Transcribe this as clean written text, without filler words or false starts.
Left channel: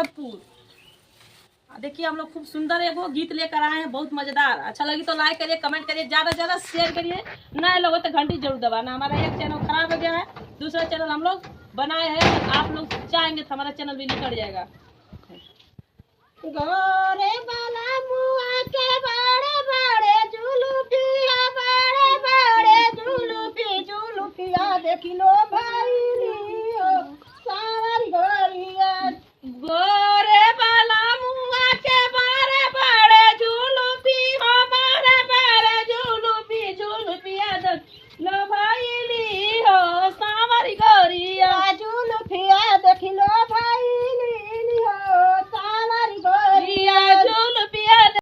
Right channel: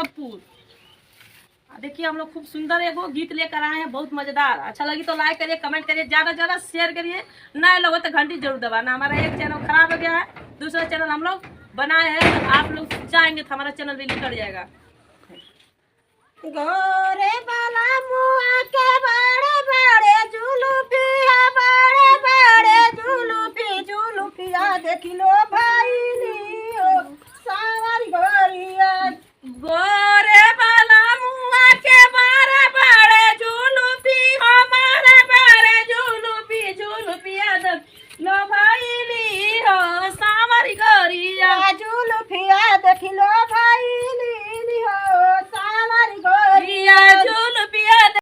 गोरखपुर। देखिए हम लोग खूब सुंदर एगो गीत लेकर आए हैं, बहुत मजेदार। अच्छा लगी तो लाइक करिए, कमेंट करिए, ज्यादा से ज्यादा शेयर करिए। नए लोग हो तो घंटी जरूर दबाना। हमारा एक चैनल खराब हो गया है, दूसरा चैनल हम लोग बनाए हैं, आप लोग चाहेंगे तो हमारा चैनल भी निकल जाएगा। गोरे बाला